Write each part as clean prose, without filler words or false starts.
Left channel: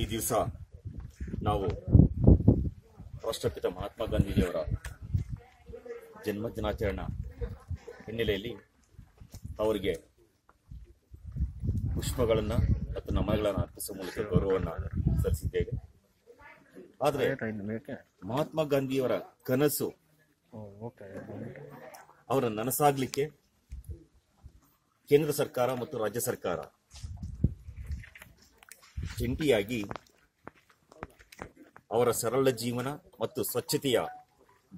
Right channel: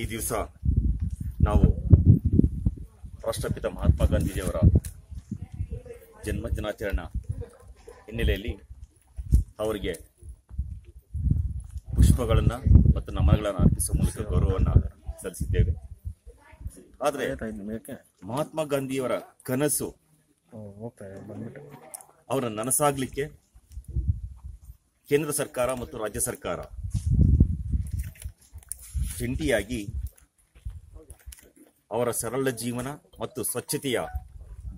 ಈ ದಿವಸ ನಾವು ರಾಷ್ಟ್ರಪಿತ ಮಹಾತ್ಮ ಗಾಂಧೀಜಿಯವರ ಜನ್ಮ ದಿನಾಚರಣೆ ಹಿನ್ನೆಲೆಯಲ್ಲಿ ಅವರಿಗೆ ಪುಷ್ಪಗಳನ್ನು ಮತ್ತು ನಮನಗಳನ್ನು ಅರ್ಪಿಸುವ ಮೂಲಕ ಗೌರವವನ್ನು ಸಲ್ಲಿಸಿದ್ದೇವೆ. ಆದರೆ ಮಹಾತ್ಮ ಗಾಂಧಿಯವರ ಕನಸು ಅವರ ನನಸಾಗಲಿಕ್ಕೆ ಕೇಂದ್ರ ಸರ್ಕಾರ ಮತ್ತು ರಾಜ್ಯ ಸರ್ಕಾರ ಜಂಟಿಯಾಗಿ ಅವರ ಸರಳ ಜೀವನ ಮತ್ತು ಸ್ವಚ್ಛತೆಯ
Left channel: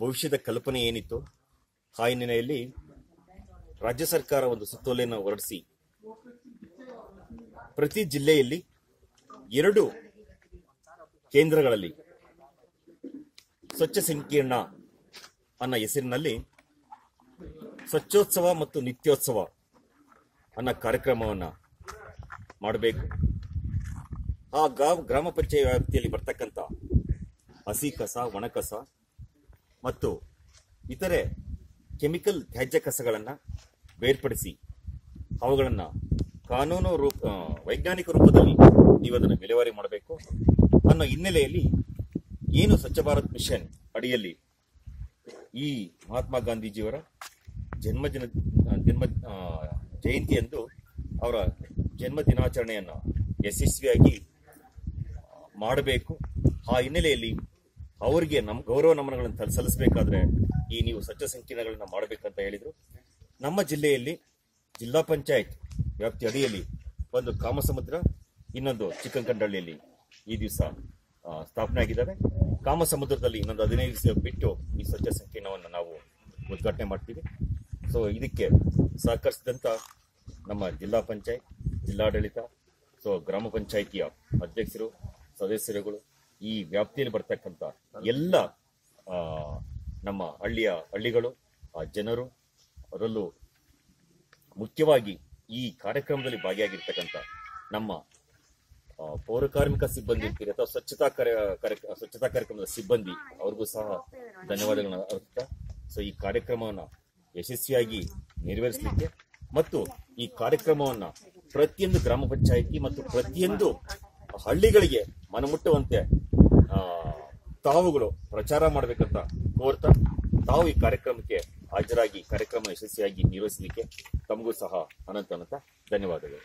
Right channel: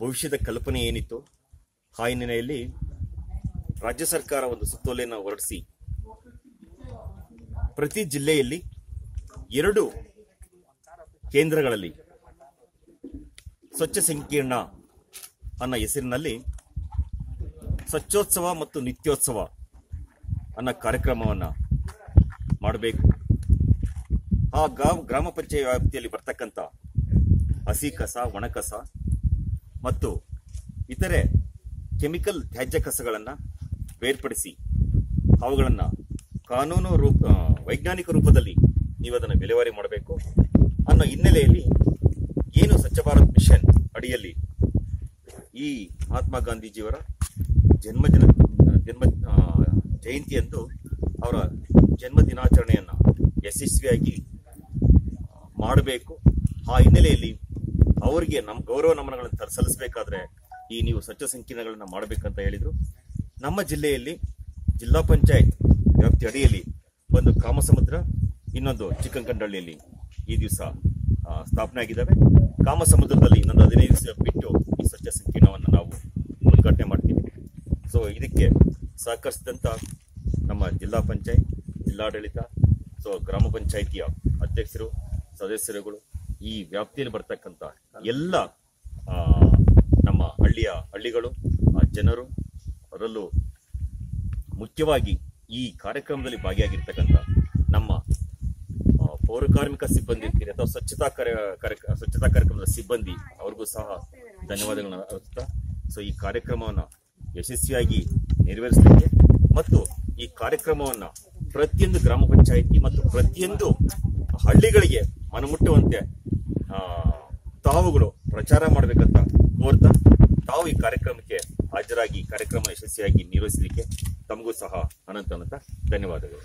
ಭವಿಷ್ಯದ ಕಲ್ಪನೆ ಏನಿತ್ತು ಆ ಹಿನ್ನೆಲೆಯಲ್ಲಿ ರಾಜ್ಯ ಸರ್ಕಾರ ಒಂದು ಸುತ್ತೋಲೆಯನ್ನು ಹೊರಡಿಸಿ ಪ್ರತಿ ಜಿಲ್ಲೆಯಲ್ಲಿ 2 ಕೇಂದ್ರಗಳಲ್ಲಿ ಸ್ವಚ್ಛ ಸಂಕೀರ್ಣ ಅನ್ನೋ ಹೆಸರಿನಲ್ಲಿ ಸ್ವಚ್ಛೋತ್ಸವ ಮತ್ತು ನಿತ್ಯೋತ್ಸವ ಅನ್ನೋ ಕಾರ್ಯಕ್ರಮವನ್ನು ಮಾಡಬೇಕು. ಆ ಗ್ರಾಮ ಪಂಚಾಯತ್ ವ್ಯಾಪ್ತಿಯಲ್ಲಿ ಬರ್ತಕ್ಕಂಥ ಹಸಿ ಕಸ, ಒಣ ಕಸ ಮತ್ತು ಇತರೆ ಕೆಮಿಕಲ್ ತ್ಯಾಜ್ಯ ಕಸಗಳನ್ನು ಬೇರ್ಪಡಿಸಿ ಅವುಗಳನ್ನು ಕಾನೂನು ವೈಜ್ಞಾನಿಕ ರೂಪದಲ್ಲಿ ನೀವು ಅದನ್ನು ವಿಲೇವಾರಿ ಮಾಡಬೇಕು ಅನ್ನೋ ಹಿನ್ನೆಲೆಯಲ್ಲಿ ಏನು ಸ್ವಚ್ಛ ಭಾರತ್ ಮಿಷನ್ ಅಡಿಯಲ್ಲಿ ಈ ಮಹಾತ್ಮ ಗಾಂಧೀಜಿಯವರ ಜನ್ಮ ಜಯಂತಿಯಂದು ಅವರ ಜನ್ಮ ದಿನಾಚರಣೆಯನ್ನು ಯಶಸ್ವಿಯಾಗಿ ಮಾಡಬೇಕು. ಆ ಹಿನ್ನೆಲೆಯಲ್ಲಿ ಅವರಿಗೆ ನಮ್ಮ ಗೌರವ ನಮನಗಳನ್ನು ಸಲ್ಲಿಸಬೇಕಾದ್ರೆ ಈ ನೀವು ಸ್ವಚ್ಛ ಸಂಕೀರ್ಣಗಳನ್ನು ಮಾಡಬೇಕಂತ ಹೇಳಿದರು. ನಮ್ಮ ಜಿಲ್ಲೆಯಲ್ಲಿ ಜಿಲ್ಲಾ ಪಂಚಾಯತ್ ವ್ಯಾಪ್ತಿ ಅಡಿಯಲ್ಲಿ ಒಂದು ಕಾಮಸಮುದ್ರ, ಇನ್ನೊಂದು ಚಿಕ್ಕಂಕಂಡಳ್ಳಿಯಲ್ಲಿ ಈ ದಿವಸ ಸ್ಥಾಪನೆ ಆಗಿದ್ದಾವೆ. ಕಾಮಸಮುದ್ರದಲ್ಲಿ ಇನ್ನೊಂದು 15 ದಿವಸ ಬಿಟ್ಟು ಈ ಸ್ವಚ್ಛ ಸಂಕೀರ್ಣವನ್ನು ನಾವು ಉದ್ಘಾಟನೆ ಮಾಡ್ತೀವಿ. ಸೊ ಇದಕ್ಕೆ ಸಹಕರಿಸಿದಂಥ ನಮ್ಮ ಜಿಲ್ಲಾ ಪಂಚಾಯತ್, ಜಿಲ್ಲಾಡಳಿತ, ಸೊ ಗ್ರಾಮ ಪಂಚಾಯಿತಿಯ ಅಧ್ಯಕ್ಷರು, ಸದಸ್ಯರುಗಳು, ಈ ವ್ಯಾಪ್ತಿಯಲ್ಲಿ ಬರ್ತಕ್ಕಂಥ ಎಲ್ಲ ನಮ್ಮ ಹಳ್ಳಿಗಳು, ಜನರು, ಅದರಲ್ಲೂ ಮುಖ್ಯವಾಗಿ ಈ ಕಾರ್ಯಕ್ರಮದಲ್ಲಿ ಭಾಗಿಯಾಗಿರ್ತಕ್ಕಂಥ ನಮ್ಮ ಪೌರಕಾರ್ಮಿಕ ಸಿಬ್ಬಂದಿ ಇರ್ತೀರಿ ಅಥವಾ ಸ್ವಚ್ಛತಾ ಕಾರ್ಯಕ್ರಮದ ಸಿಬ್ಬಂದಿ ಅವ್ರಿಗೂ ಸಹ ಧನ್ಯವಾದಗಳನ್ನು ಅರ್ಪಿಸ್ತಾ, ಸೊ ಈ ಕಾರ್ಯಕ್ರಮವನ್ನು ಯಶಸ್ವಿಯಾಗಿ ನೆರವೇರಿಸಲಿಕ್ಕೆ ಮತ್ತು ಈ ಕಾರ್ಯಕ್ರಮವನ್ನು ಪ್ರತಿಯೊಂದು ಗ್ರಾಮ ಪಂಚಾಯಿತಿ ಮತ್ತು ಪ್ರತಿಯೊಂದು ಹಳ್ಳಿಗಳಿಗೆ ಮನಮುಟ್ಟುವಂತೆ ತಾವುಗಳು ಪ್ರಚಾರ ಮಾಡಬೇಕಂತ ಕೋರ್ತಾ, ತಾವು ಈ ಕಾರ್ಯಕ್ರಮಕ್ಕೆ ಹಾಜರಾಗಿ ಕಾರ್ಯಕ್ರಮ ಯಶಸ್ವಿಯಾಗಿ ನಿರ್ವಹಿಸಲಿಕ್ಕೆ ತಮಗೂ ಸಹ ಅನಂತ ಧನ್ಯವಾದಗಳು.